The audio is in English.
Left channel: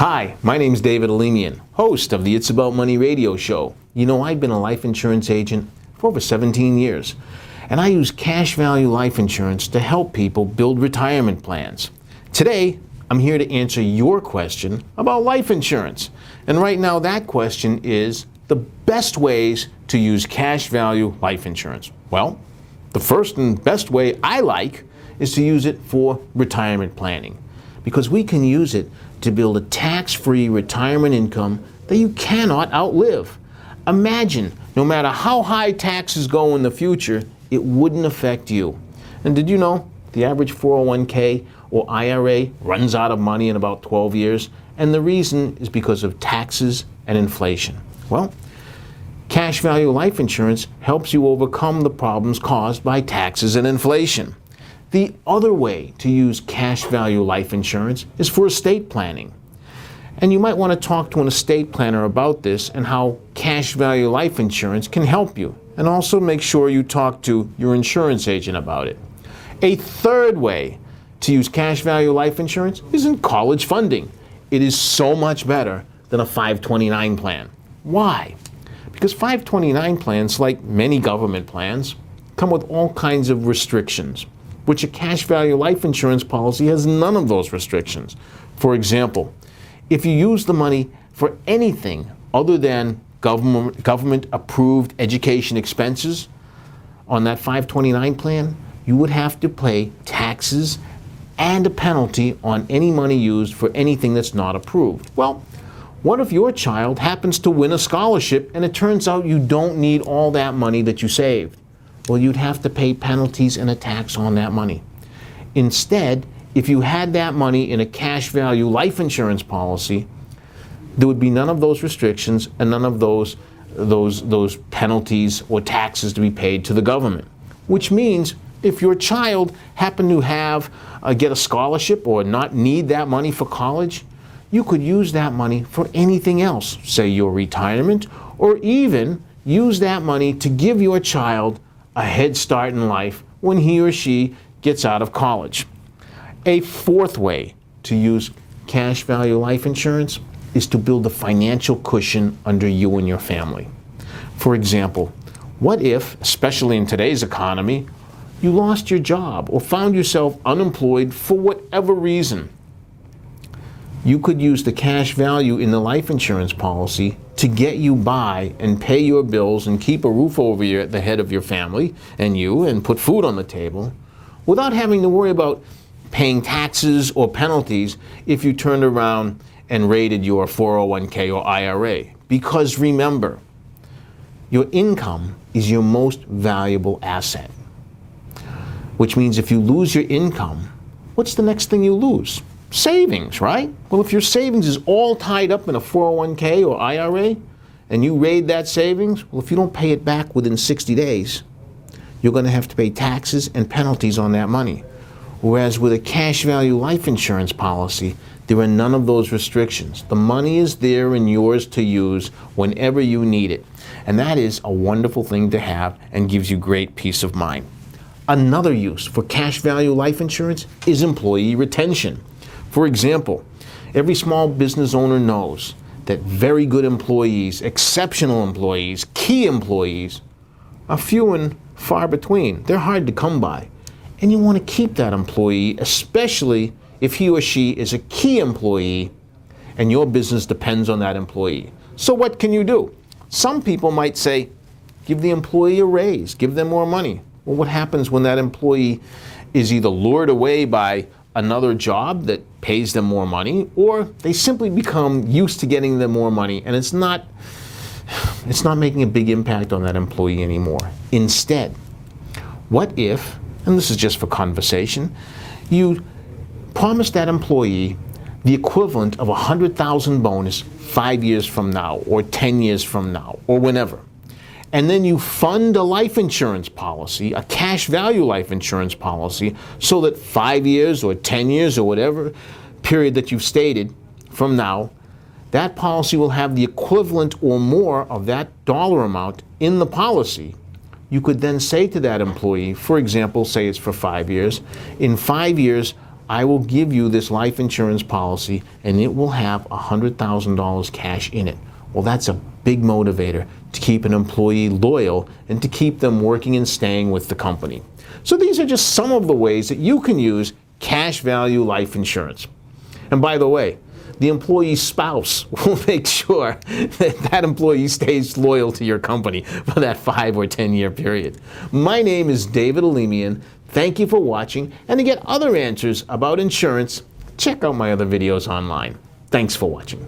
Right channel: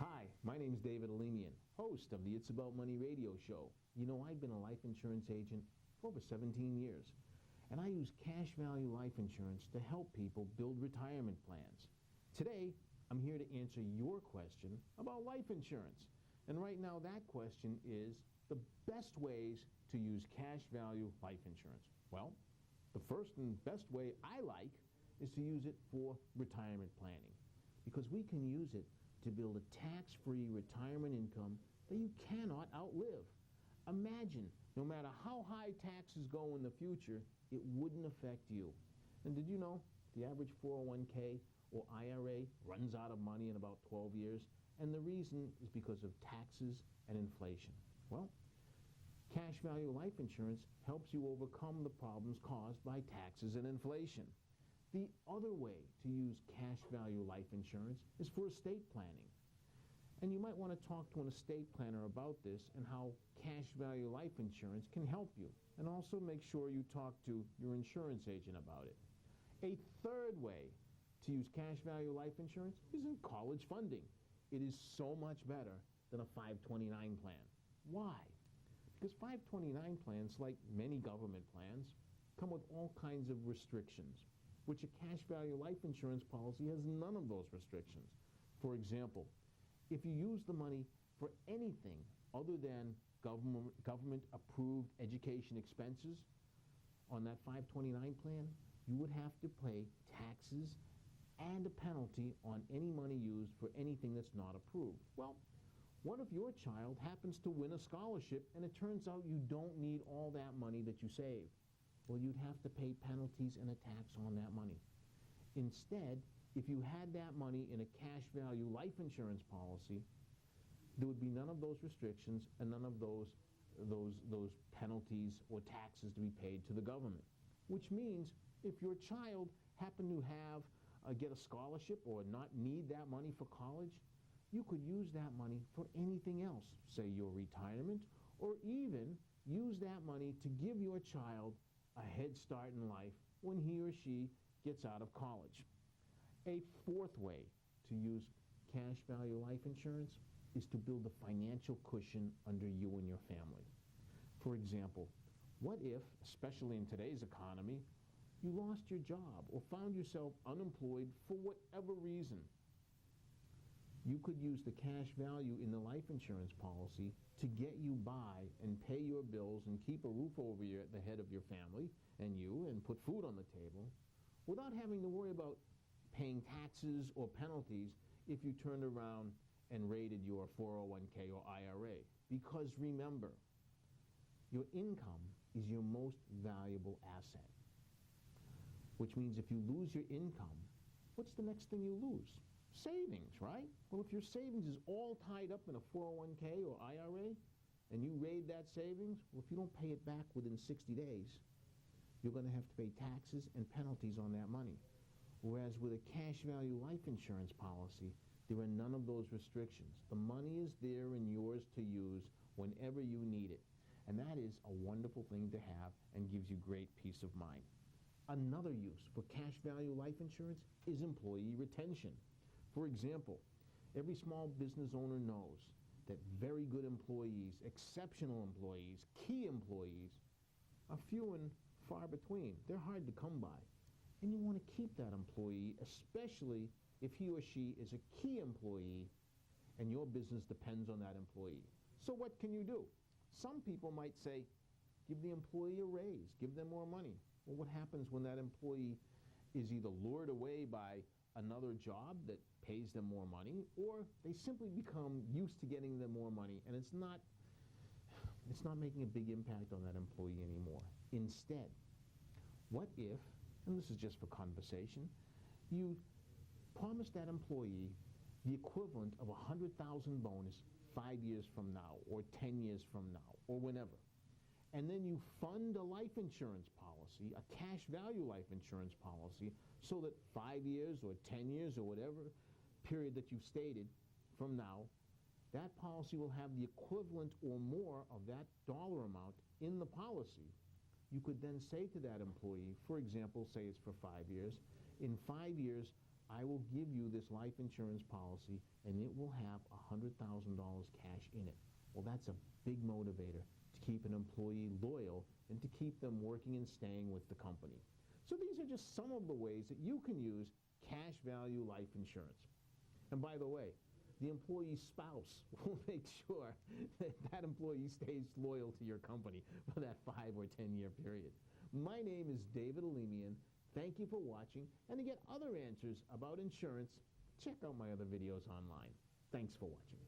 Hi, my name's David Alemian, host of the It's About Money radio show. You know, I've been a life insurance agent for over 17 years, and I use cash value life insurance to help people build retirement plans. Today, I'm here to answer your question about life insurance. And right now, that question is the best ways to use cash value life insurance. Well, the first and best way I like is to use it for retirement planning, because we can use it to build a tax-free retirement income that you cannot outlive. Imagine, no matter how high taxes go in the future, it wouldn't affect you. And did you know the average 401k or IRA runs out of money in about 12 years? And the reason is because of taxes and inflation. Well, cash value life insurance helps you overcome the problems caused by taxes and inflation. The other way to use cash value life insurance is for estate planning. And you might want to talk to an estate planner about this and how cash value life insurance can help you. And also make sure you talk to your insurance agent about it. A third way to use cash value life insurance is in college funding. It is so much better than a 529 plan. Why? Because 529 plans, like many government plans, come with all kinds of restrictions, which a cash value life insurance policy has none of those restrictions. For example, if you use the money for anything other than government approved education expenses on that 529 plan, you would have to pay taxes and a penalty on any money used for anything that's not approved. Well, what if your child happens to win a scholarship and it turns out you don't need all that money that you saved? Well, you'd have to pay penalties and a tax on that money. Instead, if you had that money in a cash value life insurance policy, there would be none of those restrictions and none of those penalties or taxes to be paid to the government. Which means if your child happened to get a scholarship or not need that money for college, you could use that money for anything else, say your retirement, or even use that money to give your child a head start in life when he or she gets out of college. A fourth way to use cash value life insurance is to build a financial cushion under you and your family. For example, what if, especially in today's economy, you lost your job or found yourself unemployed for whatever reason? You could use the cash value in the life insurance policy to get you by and pay your bills and keep a roof over the head of your family and put food on the table without having to worry about paying taxes or penalties if you turned around and raided your 401k or IRA. Because remember, your income is your most valuable asset. Which means if you lose your income, what's the next thing you lose? Savings, right? Well, if your savings is all tied up in a 401k or IRA, and you raid that savings, well, if you don't pay it back within 60 days, you're going to have to pay taxes and penalties on that money. Whereas with a cash value life insurance policy, there are none of those restrictions. The money is there and yours to use whenever you need it. And that is a wonderful thing to have and gives you great peace of mind. Another use for cash value life insurance is employee retention. For example, every small business owner knows that very good employees, exceptional employees, key employees are few and far between. They're hard to come by. And you want to keep that employee, especially if he or she is a key employee and your business depends on that employee. So what can you do? Some people might say, give the employee a raise, give them more money. Well, what happens when that employee is either lured away by another job that pays them more money, or they simply become used to getting them more money and it's not making a big impact on that employee anymore? Instead, what if, and this is just for conversation, you promise that employee the equivalent of $100,000 bonus 5 years from now, or 10 years from now, or whenever. And then you fund a life insurance policy, a cash value life insurance policy, so that 5 years or 10 years or whatever period that you've stated from now, that policy will have the equivalent or more of that dollar amount in the policy. You could then say to that employee, for example, say it's for 5 years, in 5 years, I will give you this life insurance policy and it will have $100,000 cash in it. Well, that's a big motivator to keep an employee loyal and to keep them working and staying with the company. So these are just some of the ways that you can use cash value life insurance. And by the way, the employee's spouse will make sure that that employee stays loyal to your company for that 5 or 10 year period. My name is David Alemian. Thank you for watching, and to get other answers about insurance, check out my other videos online. Thanks for watching.